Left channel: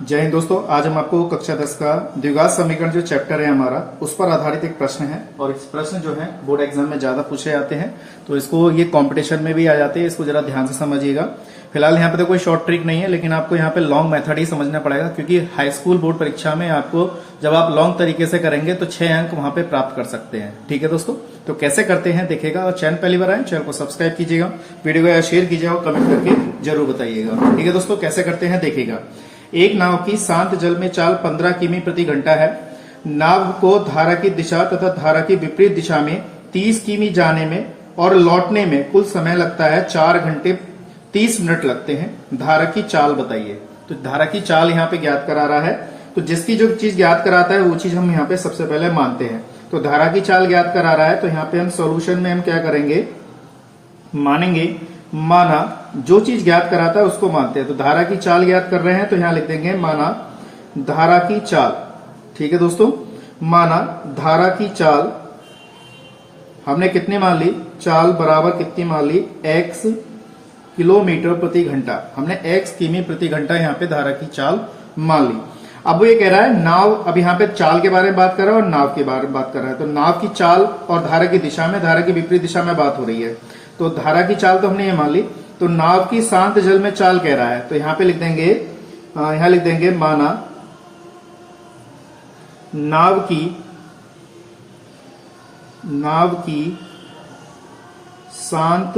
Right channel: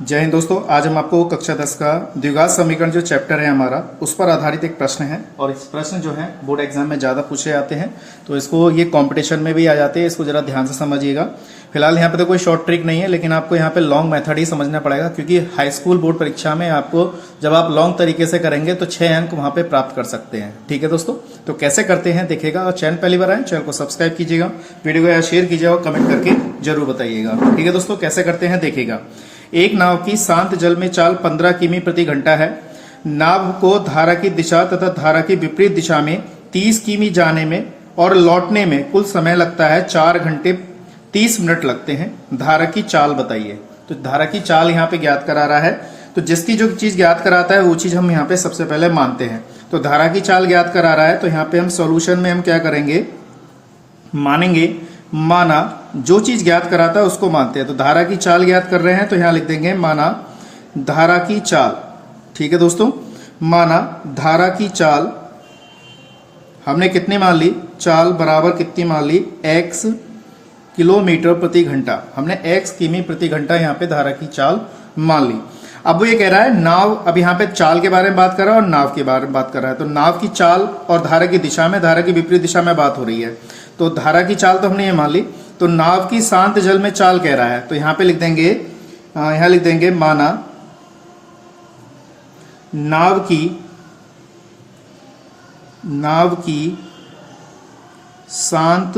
जय हिंद दोस्तों। आज हम आपको कक्षा 10 का द्विघात समीकरण जो चैप्टर है हमारा उस पर आधारित एक प्रश्न है और इस प्रश्न जो है बोर्ड एग्जाम में ज्यादा पूछे जाते हैं, तो इसको ये कंपटीशन में भी आ जाते हैं। इसको जरा ध्यान से समझिएगा। फिलहाल यहाँ पे तो कोई शॉर्ट ट्रिक नहीं है, लेकिन आपको यहाँ पे लॉन्ग मेथड ही समझना पड़ेगा, क्योंकि हाई स्कूल बोर्ड परीक्षा में आपको जब आप लॉन्ग तरीके से करेंगे तो 6 अंक वहां पे प्राप्त कर सकते हैं। ठीक है दोस्तों, तो कैसे करते हैं देखिएगा। और चैनल पहली बार आए, चैनल को सब्सक्राइब कीजिएगा, वीडियो को शेयर कीजिएगा और कमेंट करके जरूर बताइएगा। ठीक है दोस्तों, कैसे करते हैं देखिएगा। एक नाव की शांत जल में चाल 15 किमी प्रति घंटा है। नाव को धारा की दिशा तथा धारा की विपरीत दिशा में 30 किमी जाने में और लौटने में कुल समय लगता है 4 घंटे 30 मिनट लगते हैं। धारा की चाल बताइए। तो धारा की चाल यहाँ पे ज्ञात करा रहा है, तो जिसकी जो चीज ज्ञात कराता है वो चीज हम यहाँ पे सबसे पहले मानते हैं। तो धारा की चाल ज्ञात करा रहा है, तो यहाँ पे हम सॉल्यूशन में हम क्या करेंगे, मानेंगे, माना जो चीज ज्ञात कराता है उसको मानते हैं। तो धारा की चाल ज्ञात कर रहे हैं, तो यहां लिख देंगे माना धारा की चाल। ठीक है दोस्तों, माना धारा की चाल हमने कितनी मान ली, चाल बराबर कितनी मान ली, x किलोमीटर प्रति घंटा। हमने x किमी प्रति घंटा यहाँ पे धारा की चाल मान ली। अब वो ये कह रहा है नाव, अब यहाँ पे चाल के बारे में बात कर रहा है और नाव के बारे में बात कर रहा है। तो नाव की चाल और धारा की दिशा में, धारा की विपरीत दिशा में बात हो रही है। तो धारा की चाल तो हमने ये मान ली। तो नाव की शांत जल में चाल कह रहा है, तो यहां पे लिख देंगे, यहां लिख देंगे माना नाव की शांत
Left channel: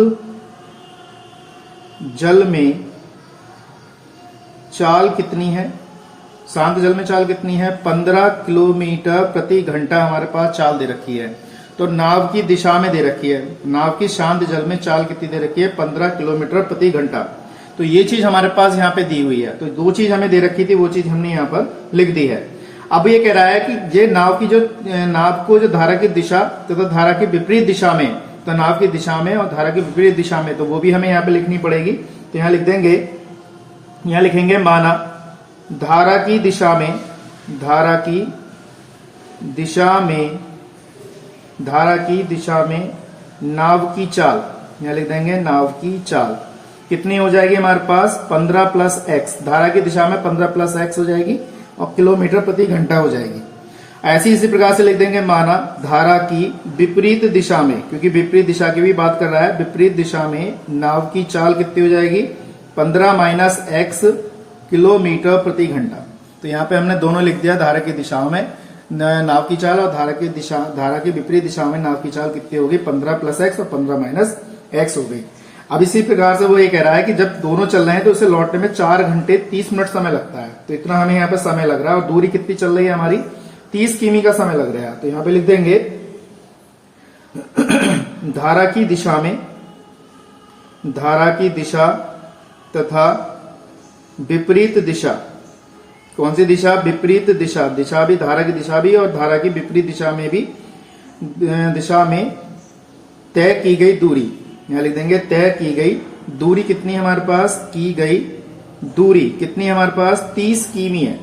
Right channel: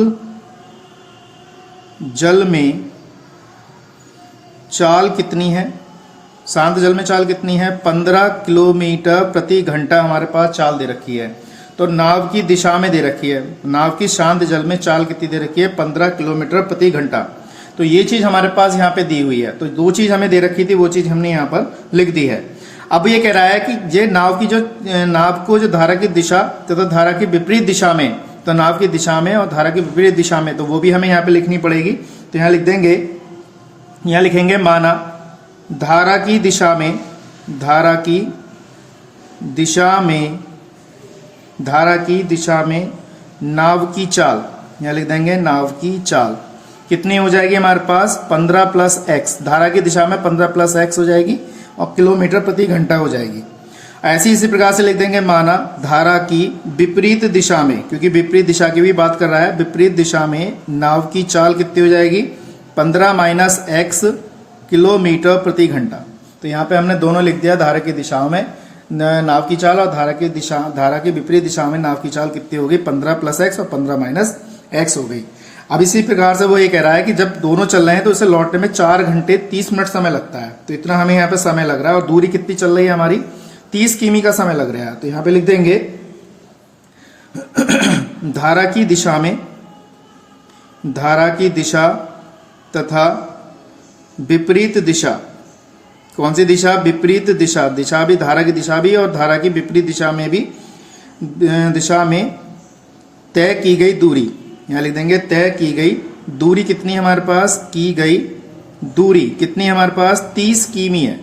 जल में चाल कितनी है, शांत जल में चाल कितनी है, 15 किलोमीटर प्रति घंटा हमारे पास चाल दे रखी है। तो नाव की दिशा में दे रखी है, नाव की शांत जल में चाल कितनी दे रखी है, 15 किलोमीटर प्रति घंटा। तो ये चीज हमारे पास यहाँ पे दी हुई है। तो दो चीज हमें दे रखी थी, वो चीज हमने यहाँ पर लिख दी है। अब ये कह रहा है कि ये नाव को जो धारा की दिशा तथा धारा की विपरीत दिशा में, तो नाव की दिशा में और धारा की विपरीत दिशा में, तो वो भी हमें यहाँ पे लिखनी पड़ेगी। तो यहाँ लिख देंगे, यहाँ लिखेंगे माना धारा की दिशा में, धारा की दिशा में नाव की चाल, यहां लिख देंगे नाव की चाल कितनी हो जाएगी हमारे पास, 15 प्लस एक्स। धारा की दिशा में 15 प्लस एक्स हो जाएगी और किलोमीटर प्रति घंटा हो जाएगी। ऐसी इसी प्रकार से लिख देंगे माना धारा की विपरीत दिशा में, क्योंकि विपरीत दिशा की भी बात कर रहा है, विपरीत दिशा में नाव की चाल कितनी हो जाएगी, 15 माइनस एक्स किलोमीटर प्रति घंटा। तो यहाँ पे हमने दोनों लिख दिया, धारा की दिशा में नाव की चाल और धारा की विपरीत दिशा में नाव की चाल कितनी होगी, 15 प्लस एक्स और 15 माइनस एक्स हो गई। अब इसी प्रकार से वो ये कह रहा है कि जब दोनों चल रहे हैं तो उसे लौटने में 4 घंटे 30 मिनट समय लगता है। तो इतना हमें यहाँ पे समय लग रहा है और दूरी कितनी चल रही है हमारी, 30 किमी का समय लग रहा है। तो यहाँ पे लिख देंगे धारा की दिशा तथा विपरीत दिशा, कौन सी दिशा, विपरीत दिशा, दिशा भी धारा की दिशा भी और धारा की विपरीत दिशा में भी, दिशा में तय की गई दूरी, यहां लिख देंगे तय की गई दूरी कितनी हमारे पास, की गई दूरी कितनी हमारे पास, 30 किमी है।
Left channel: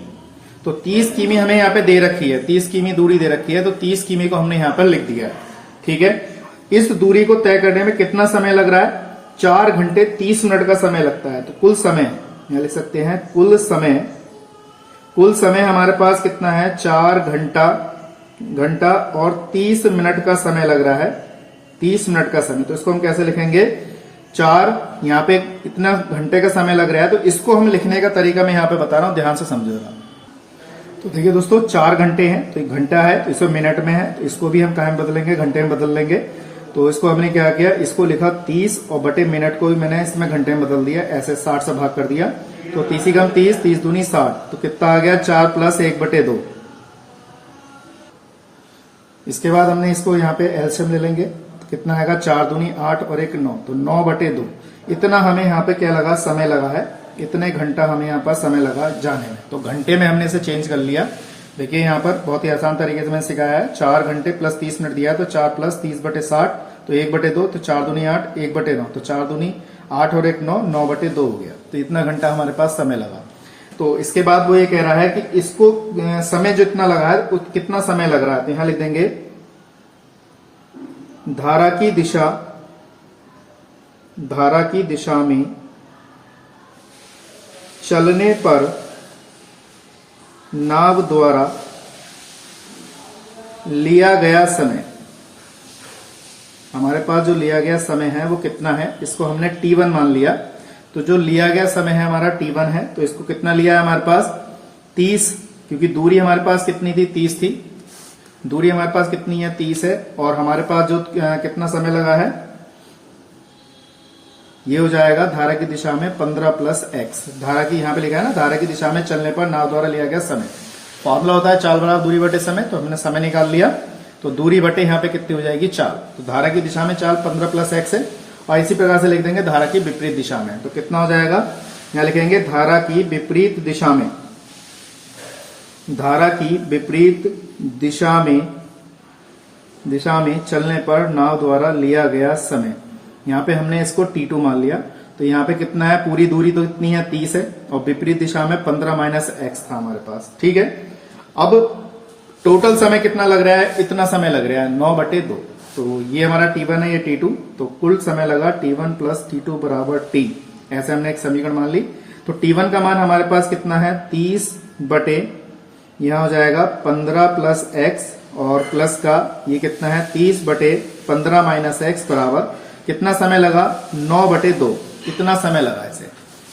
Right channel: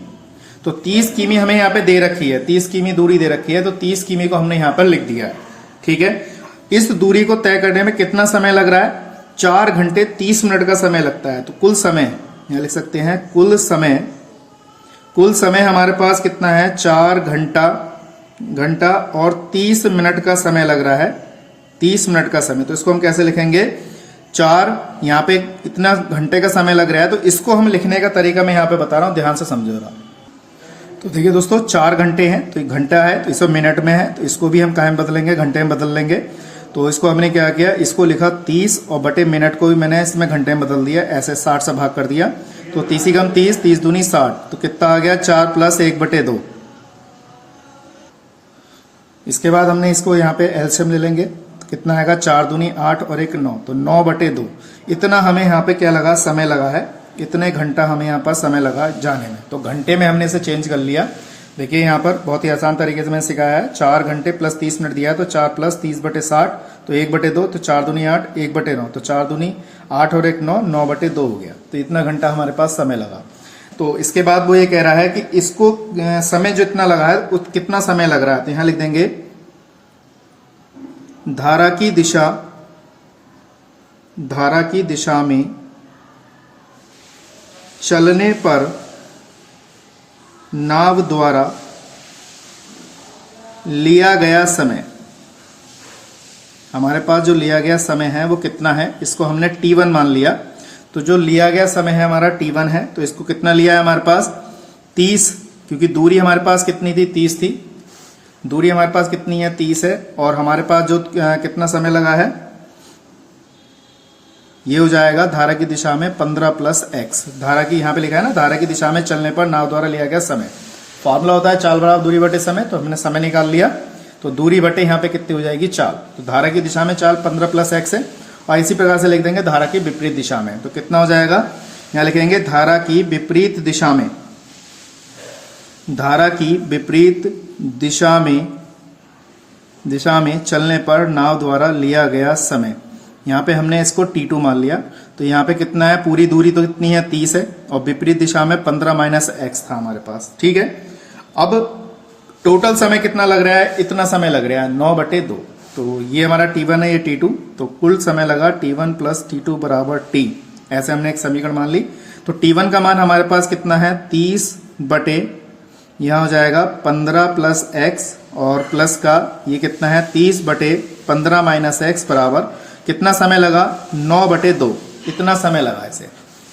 तो 30 किमी हमें यहाँ पे दे रखी है, 30 किमी दूरी दे रखी है, तो 30 किमी को हमने यहाँ पर लिख दिया है। ठीक है, इस दूरी को तय करने में कितना समय लग रहा है, 4 घंटे 30 मिनट का समय लगता है। तो कुल समय यहां लिख सकते हैं, कुल समय हमारे पास कितना है, 4 घंटा और 30 मिनट का समय लग रहा है, 30 मिनट का समय। तो इसको हम कैसे लिखेंगे, 4, यहाँ पे कितना घंटे का समय लग रहा है, तो इसको हम लिखने का तरीका मैं यहाँ पे बता रहा हूँ, ध्यान से समझिएगा। तो देखिए दोस्तों, 4 घंटे हैं तो 1 घंटा है, तो इसको मिनट में है, तो इसको भी हम कहाँ में बदलेंगे, घंटे में बदल लेंगे। तो इसको हमने क्या किया, इसको लिखा 30 और बटे मिनट को भी मैंने इसमें घंटे में बदल दिया, ऐसे 60 से भाग कर दिया। तो 30 ही कम 30, 30 दूनी 60, तो कितना आ गया, 4 प्लस 1/2। इसके बाद हमने इसको यहाँ पे एलसीएम ले लेंगे, तो कितना आएगा, 4 दूनी 8 और 1 9, तो 9/2। इतना हमें यहाँ पे क्या लगा, समय लगा है, इतने घंटा हमें यहाँ पर समय लगा जाने में। तो घंटे में हमने इसे चेंज कर लिया। देखिए यहाँ पर बहुत ही आसान तरीके से मैंने सिखाया है, 4 घंटे प्लस 30 मिनट दिया है, तो 4 प्लस 30/60, तो 1/2, तो 4 दूनी 8, 1/9, तो 4 दूनी 8 और 1 9, 9/2 हो गया। तो इतना घंटा हमारे पास समय लगा। तो इसके बाद वो ये कह रहा है कि इसको समय जो इतना लगा है कितना समय लग रहा है, तो यहां लिख देंगे धारा की दिशा में चलने पर नाव द्वारा लिया गया समय, हमारे पास जो लिया गया समय है वो कितना है, इसको हमने t1 मान लिया। तो जो लिया गया समय है हमारा t1 है, तो इसको कितना लिया है हमारे पास 30, क्योंकि दूरी हमारे पास कितनी थी 30 थी, दूरी हमारे पास कितनी है 30 है। और हमारे पास जो कितना समय लगा है ये हो जाएगा धारा की दिशा में 15 + x, धारा की यहाँ पे लिखा है ना, धारा की दिशा में चलने पर नाव द्वारा लिया गया समय। फॉर्मूला होता है चाल बराबर दूरी बटे समय, तो हमने समय निकाल लिया, तो दूरी बटे यहाँ पे कितनी हो जाएगी चाल। तो धारा की दिशा में चाल 15 + x है, और इसी प्रकार से लिख देंगे धारा की विपरीत दिशा में, तो कितना हो जाएगा, यहाँ लिखेंगे धारा की विपरीत दिशा में, धारा की विपरीत दिशा में चलने पर नाव द्वारा लिया गया समय। यहाँ पे हमने इसको t2 मान लिया, तो यहाँ पे कितना है, पूरी दूरी तो कितनी है 30 है, और विपरीत दिशा में 15 - x था हमारे पास। ठीक है, अब टोटल समय कितना लग रहा है, इतना समय लग रहा है 9/2, तो ये हमारा t1 है, ये t2, तो कुल समय लगा t1 + t2 = t, ऐसे हमने एक समीकरण मान ली। तो t1 का मान हमारे पास कितना है 30 बटे, यहां हो जाएगा 15 + x, और प्लस का ये कितना है 30 बटे 15 - x बराबर कितना समय लगा 9/2, इतना समय लगा इसे।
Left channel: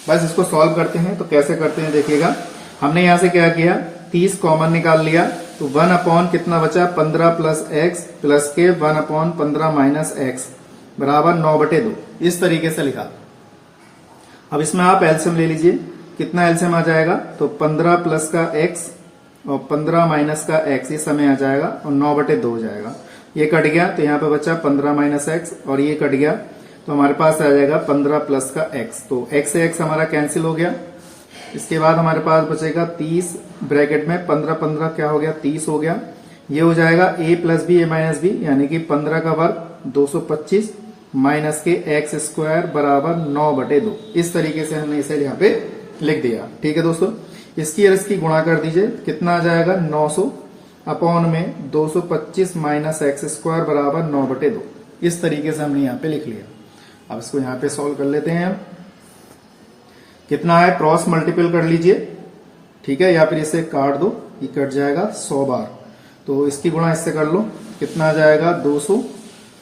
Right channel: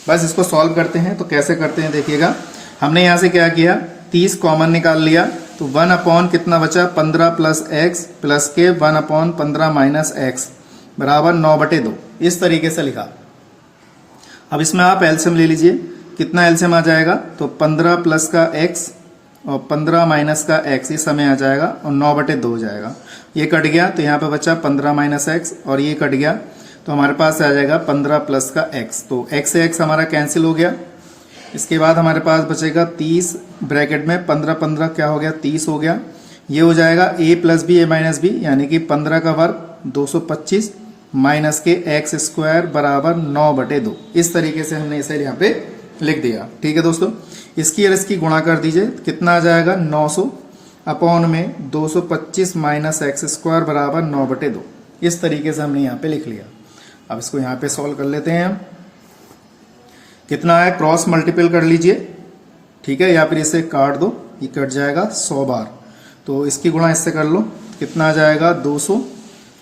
बस इसको सॉल्व करते हैं, तो कैसे करते हैं देखिएगा। हमने यहां से क्या किया, 30 कॉमन निकाल लिया, तो 1/, कितना बचा 15 + x प्लस के 1/15 - x बराबर 9/2, इस तरीके से लिखा। अब इसमें आप एलसीएम ले लीजिए, कितना एलसीएम आ जाएगा, तो 15 + का x और 15 - का x, ये समय आ जाएगा, और 9/2 हो जाएगा। ये कट गया, तो यहाँ पे बचा 15 - x, और ये कट गया, तो हमारे पास आ जाएगा 15 + का x, तो x से x हमारा कैंसिल हो गया। इसके बाद हमारे पास बचेगा 30 ब्रैकेट में 15 क्या हो गया 30 हो गया। ये हो जाएगा a + b a - b, यानी कि 15 का वर्ग 225 माइनस के x² बराबर 9/2, इस तरीके से हमने इसे यहाँ पे लिख दिया। ठीक है दोस्तों, इसकी और इसकी गुणा कर दीजिए, कितना आ जाएगा 900 अपॉन में 225 माइनस x² बराबर 9/2, इस तरीके से हमने यहाँ पे लिख लिया। अब इसको यहाँ पे सॉल्व कर लेते हैं। कितना है, क्रॉस मल्टीपल कर लीजिए, ठीक है, या फिर इसे काट दो, ये कट जाएगा 100 बार, तो इसकी गुणा इससे कर लो, कितना आ जाएगा 200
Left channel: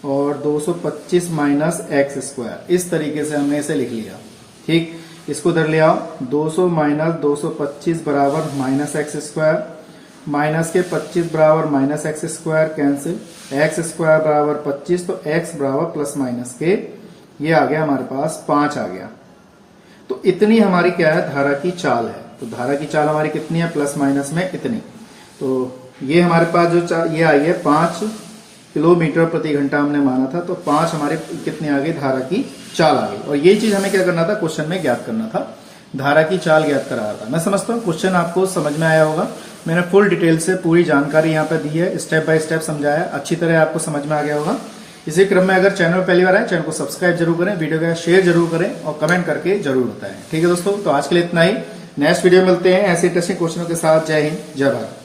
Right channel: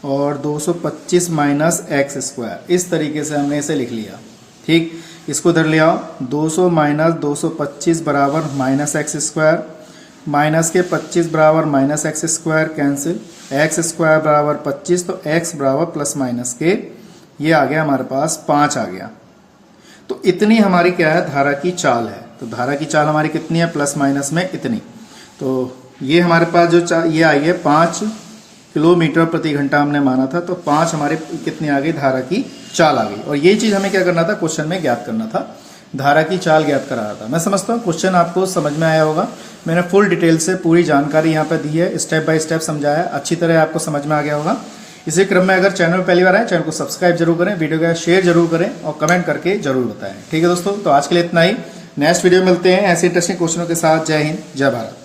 और 225 माइनस x², इस तरीके से हमने इसे लिख लिया। ठीक, इसको इधर ले आओ, 200 माइनस 225 बराबर -x², माइनस के 25 बराबर -x² कैंसिल, x² बराबर 25, तो x बराबर प्लस माइनस के, ये आ गया हमारे पास 5 आ गया। तो इतनी हमारी क्या है, धारा की चाल है। तो धारा की चाल हमारी कितनी है, प्लस माइनस में इतनी। तो ये हमारे पास जो ये आई है 5 किलोमीटर प्रति घंटा हमने माना था, तो 5 हमारे कितनी आ गई, धारा की चाल आ गई। और यही चीज हमें क्या करना था, क्वेश्चन में ज्ञात करना था, धारा की चाल ज्ञात करा रहा था। मैं समझता हूँ क्वेश्चन आपको समझ में आया होगा। मैंने फुल डिटेल से पूरी जानकारी यहाँ पर दी है, स्टेप बाय स्टेप समझाया है, अच्छी तरह आपको समझ में आ गया होगा। इसी क्रम में अगर चैनल पहली बार आए, चैनल को सब्सक्राइब जरूर करें, वीडियो का शेयर जरूर करें और कमेंट करके जरूर बताएं। ठीक है दोस्तों, तो आज के लिए इतना ही, नेक्स्ट वीडियो में मिलते हैं ऐसे इंटरेस्टिंग क्वेश्चनों के साथ। जय हिंद, जय भारत।